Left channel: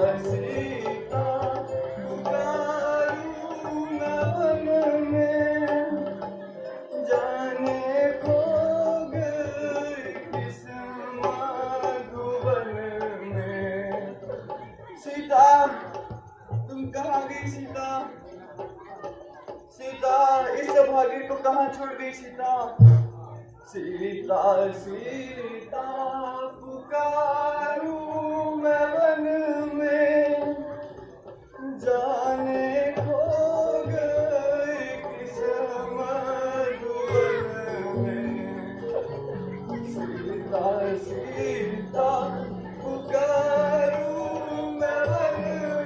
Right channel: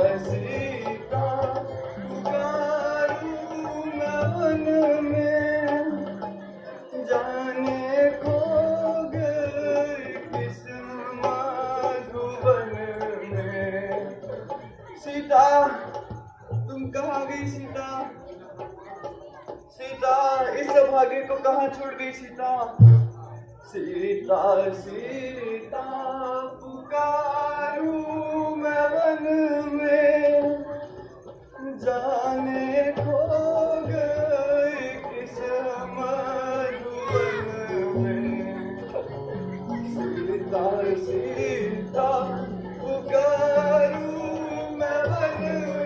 सीता पुकारूं मैं वन में, जाने खो गई किस मधुवन में। सीता तुम कहाँ गई सीता? सीता इस भाग्य को कहाँ छोड़ गई सीता? सीता सीता पुकारूं मैं वन में, जाने खो गई किस मधुवन में। सीता सीता पुकारूं मैं वन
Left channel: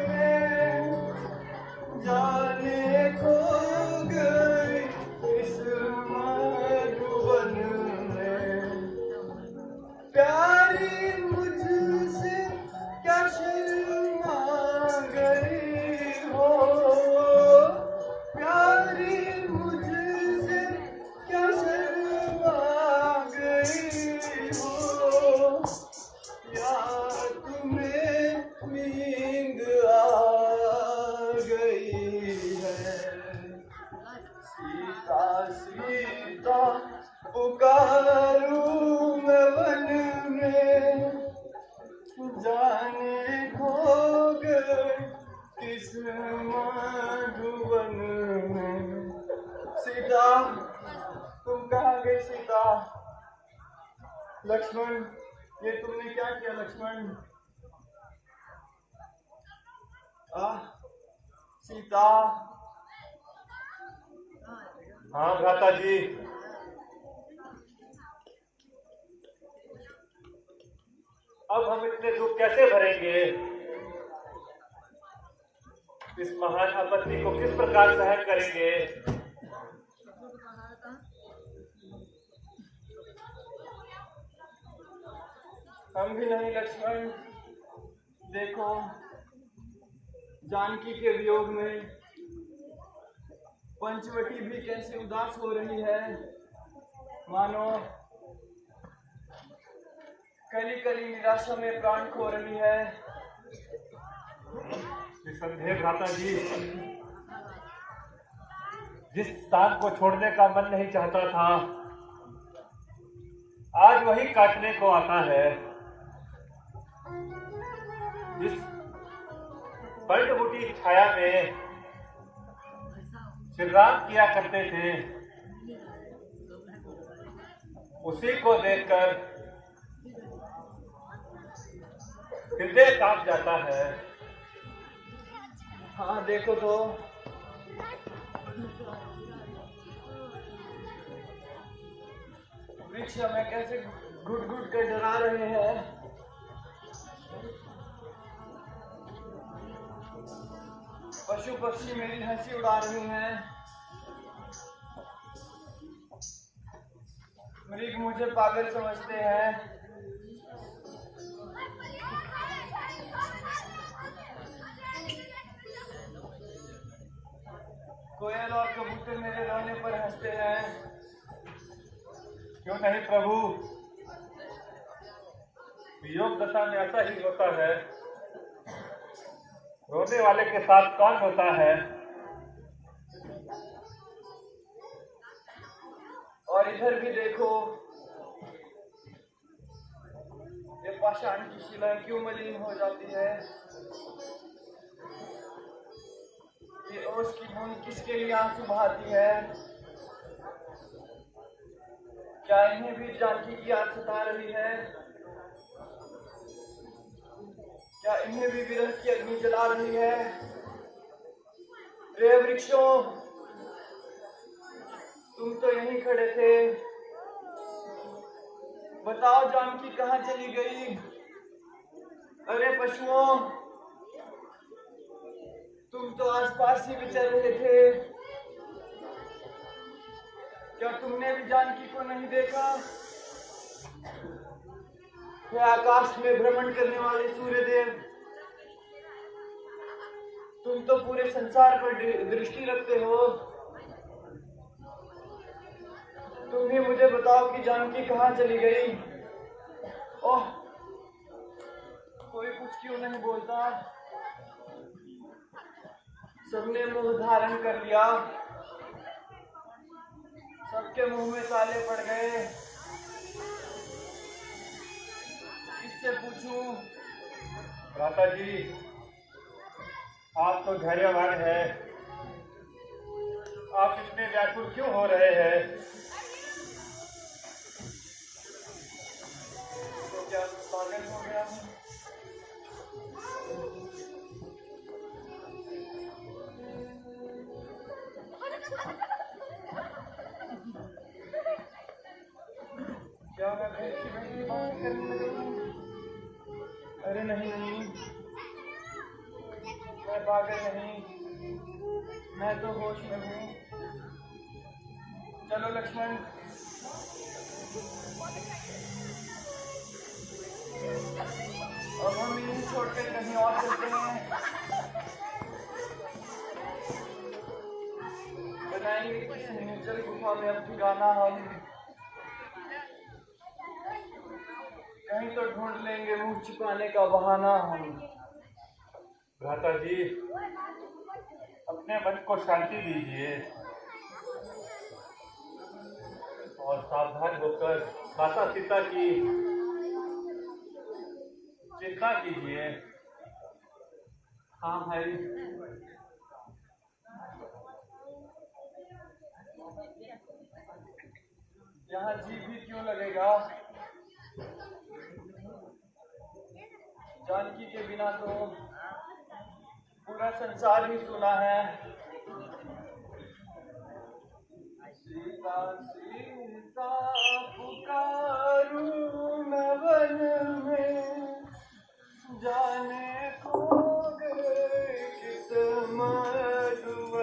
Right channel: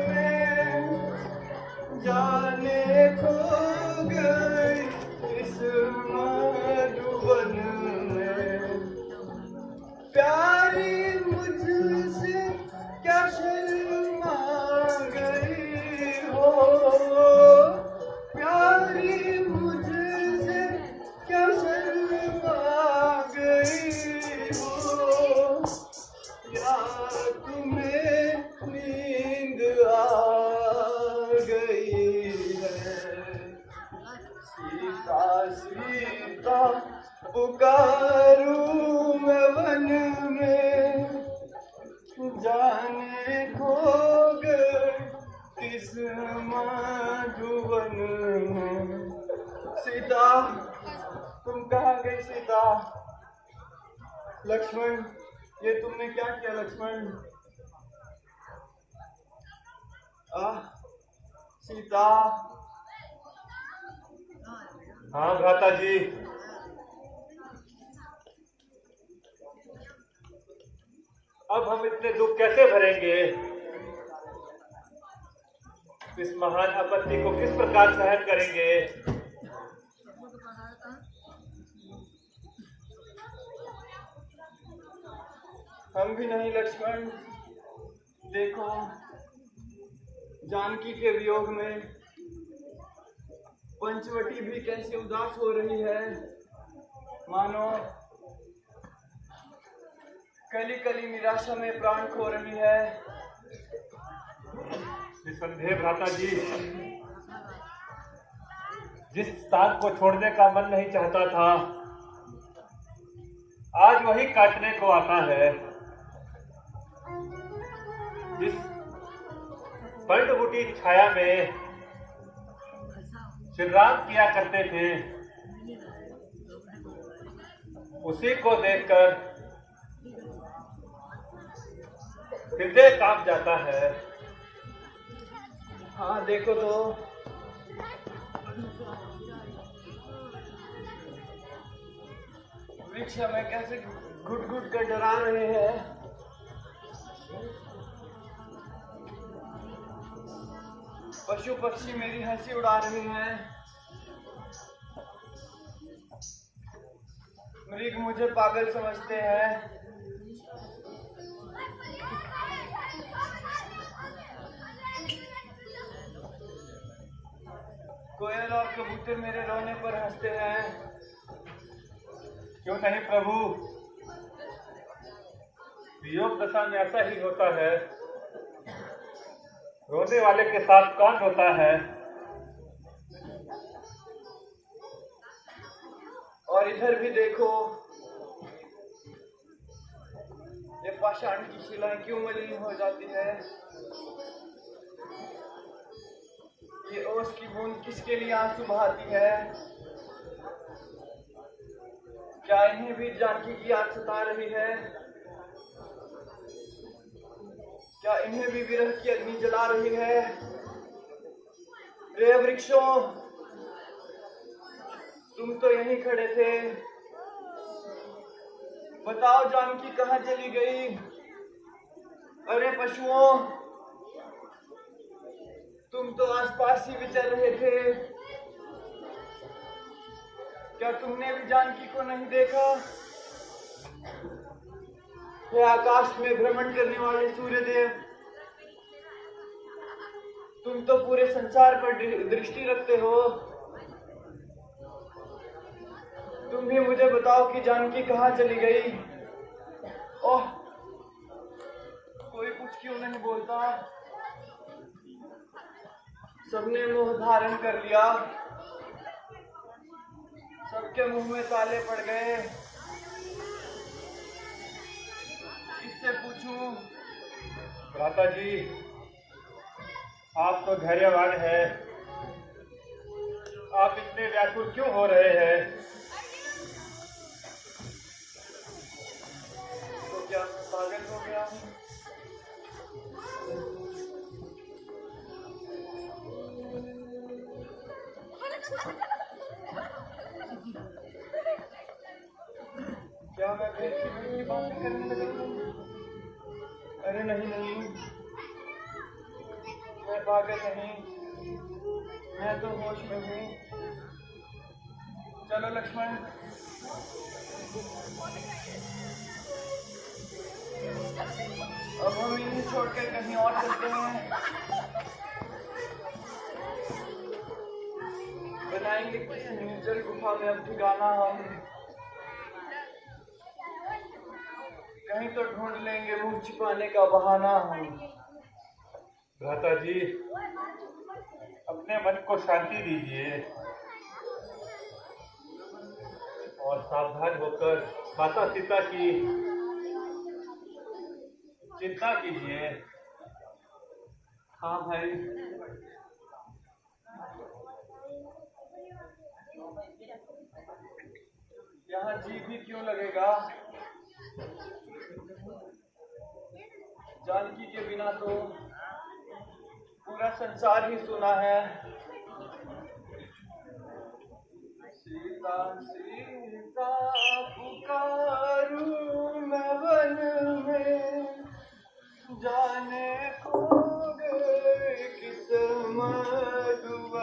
में, जाने खो गई इस मधुवन में। प्यारी मुझसे क्या शर्मा गई हो, प्यारी मुझसे क्या शर्मा गई हो, या तुम्हें नींद आ गई है। सीता सीता पुकारूं मैं वन में, जाने खो गई किस मधुवन में। सीता तुम कहाँ गई सीता? लक्ष्मण ये तुमने क्या किया लक्ष्मण? सीता। हाँ भ्राता जी, अब हम इतने दुख कैसे भरेंगे? इस महान आपत्ति को किस प्रकार सहन करेंगे? हम भी नहीं लक्ष्मण। देखो जानकी के वियोग में पंचवटी भी कैसे उदास हो रही है, मानो कली कली निराशा में प्राण खो रही है। निसंदेह भ्राता जी, जिस साग को छोड़ने का मन नहीं चाहता था, आज वही काटने को आता है। जिस पर्णबूटी छाया में श्रीराम किया करते थे, उसी को देखकर हृदय कांप जाता है। हाँ देखो तो वृक्ष हमें कैसे घुट घुट कर डरा रहे हैं। पशु पक्षी मेरी हंसी उड़ा रहे हैं। मृग मुझे पागल समझते हैं। कोयल और कबूतर मेरे रोने पर हंसते हैं। क्यों नहीं प्रभु, योग दशा में ऐसा ही होता है। रोने वाले के साथ कौन होता है? और इधर भी देखो, ये पाषाण की शिलाएं क्यों मलिन हो जाती है। ये ओस की बूंद किसके लिए आंसू बहाती है। क्या इन्हें भी जानकी की याद सता रही है? क्या इन्हें भी विरह की अग्नि जला रही है? रे वृक्षों, तुम तो यहीं खड़े थे, बताओ जानकी कहाँ चली गई? अरे पशुओं, तुम तो आसपास ही विचर रहे थे, क्या तुमने भी जानकी को नहीं देखा? हे आकाश में भ्रमण करने वाले सूर्यदेव, तुम तो पूरे संसार पर दृष्टि रखते हो। तुम ही मुझे बताओ कि जानकी कहाँ चली गई? ओह, कोई कुछ क्यों नहीं बोलता? सबने मुंह धारण कर लिया, सबके मुंह में ताले पड़ गए। किससे पूछूं? भ्राता जी, आप तो धैर्यवान है, आप इतने व्याकुल क्यों हो रहे हैं? तो क्या मैं पागल हो गया हूँ? क्या मैं फिर की बात करने लगा हूँ? अरे नहीं नहीं, मैं पागल नहीं, मैं तो होश में हूँ। चलो लक्ष्मण, अब हम इन्हें छोड़कर कहीं और चलते हैं। बनाएंगे किसी निर्जल गुफा में अब ठिकाना हम। कहीं तो ढूंढ लेंगे मुंह छिपाने का बहाना हम। भ्राता जी, अपने मन को शांति दीजिए और सावधान होकर माता सीता की चिंता कीजिए। हाँ भाई, यहाँ जी भी क्यों लगेगा? जानकी के बिना तो पूरा संसार ही सुना है। सीता सीता पुकारूं मैं वन में, जाने खो गए किस मधुवन।